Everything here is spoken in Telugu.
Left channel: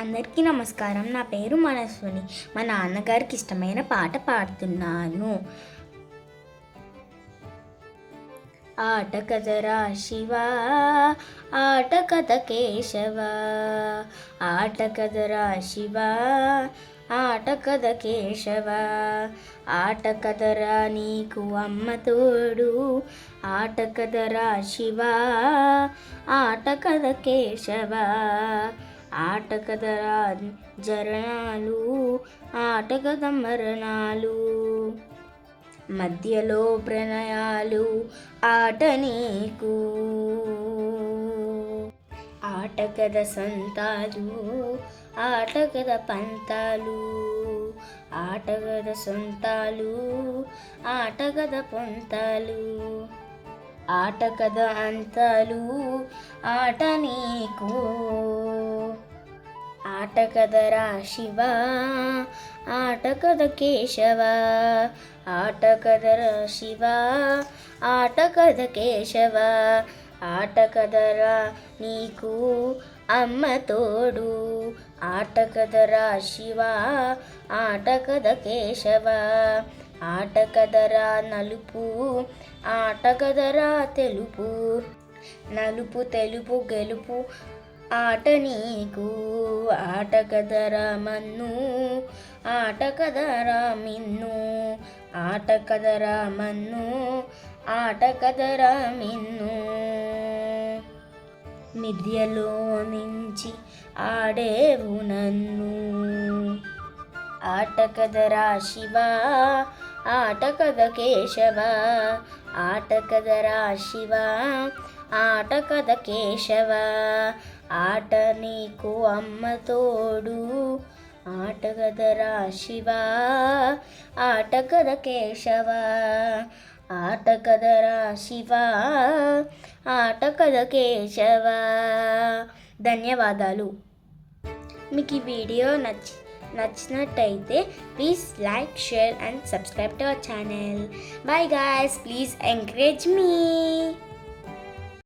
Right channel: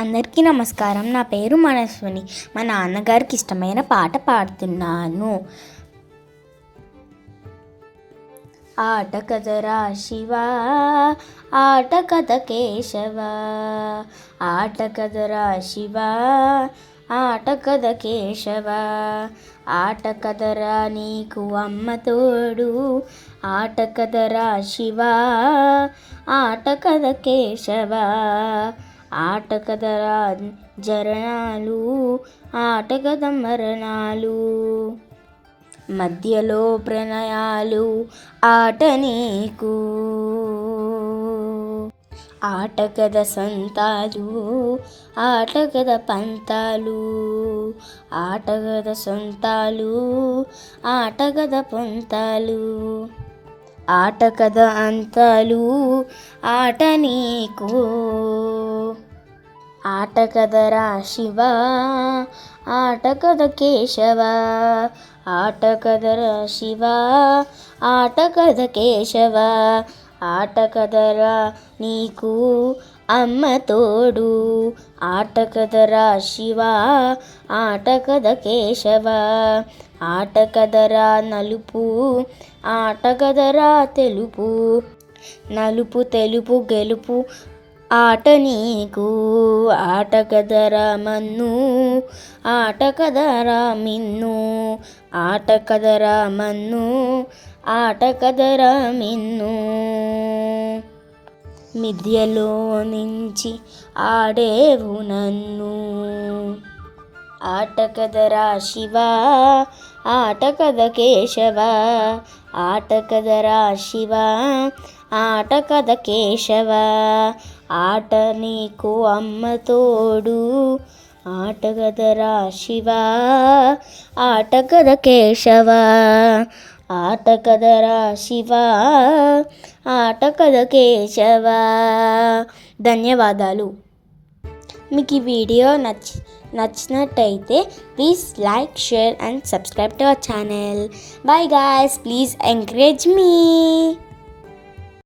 అందరికీ నమస్కారం. నా పేరు మనస్విని. మా నాన్నగారికి ఇష్టమైన పాట పాడుతున్నాను. ఆట కదరా శివా, ఆట కథ కేశవా, ఆట కదరా శివా, ఆట కథ కేశవా, ఆట కదరా నీకు అమ్మ తోడు, ఆట కదరా శివా, ఆట కథ కేశవా, ఆట కదరా జరణాలు, ఆట కథ మరణాలు, మధ్యలో ప్రణయాలు, ఆట నీకు, ఆట కథ సొంతాలు, ఆట కథ పంతాలు, ఆట కథ సొంతాలు, ఆట కథ పంతాలు, ఆట కథ అంతాలు, ఆట నీకు, ఆట కదరా శివా, ఆట కథ కేశవా, ఆట కదరా శివా, ఆట కథ కేశవా, ఆట కదరా నీకు అమ్మ తోడు, ఆట కదరా శివా, ఆట కథ కేశవా, ఆట కదరా నలుపు, ఆట కదరా తెలుపు, నలుపు తెలుపు గెలుపు, ఆట నీకు, ఆట కదరా మన్ను, ఆట కదరా మిన్ను, ఆట కదరా మన్ను, ఆట కదరా మిన్ను, మిథ్యలో నుంచి ఆడేవు నన్ను, ఆట కదరా శివా, ఆట కథ కేశవా, ఆట కదరా శివా, ఆట కథ కేశవా, ఆట నీకు అమ్మ తోడు, ఆట కదరా శివా, ఆట కథ కేశవా, ఆట కదరా శివా, ఆట కథ కేశవా. ధన్యవాదాలు. మీకు ఈ వీడియో నచ్చినట్టయితే please like, share and subscribe to our channel. Bye guys, please encourage me.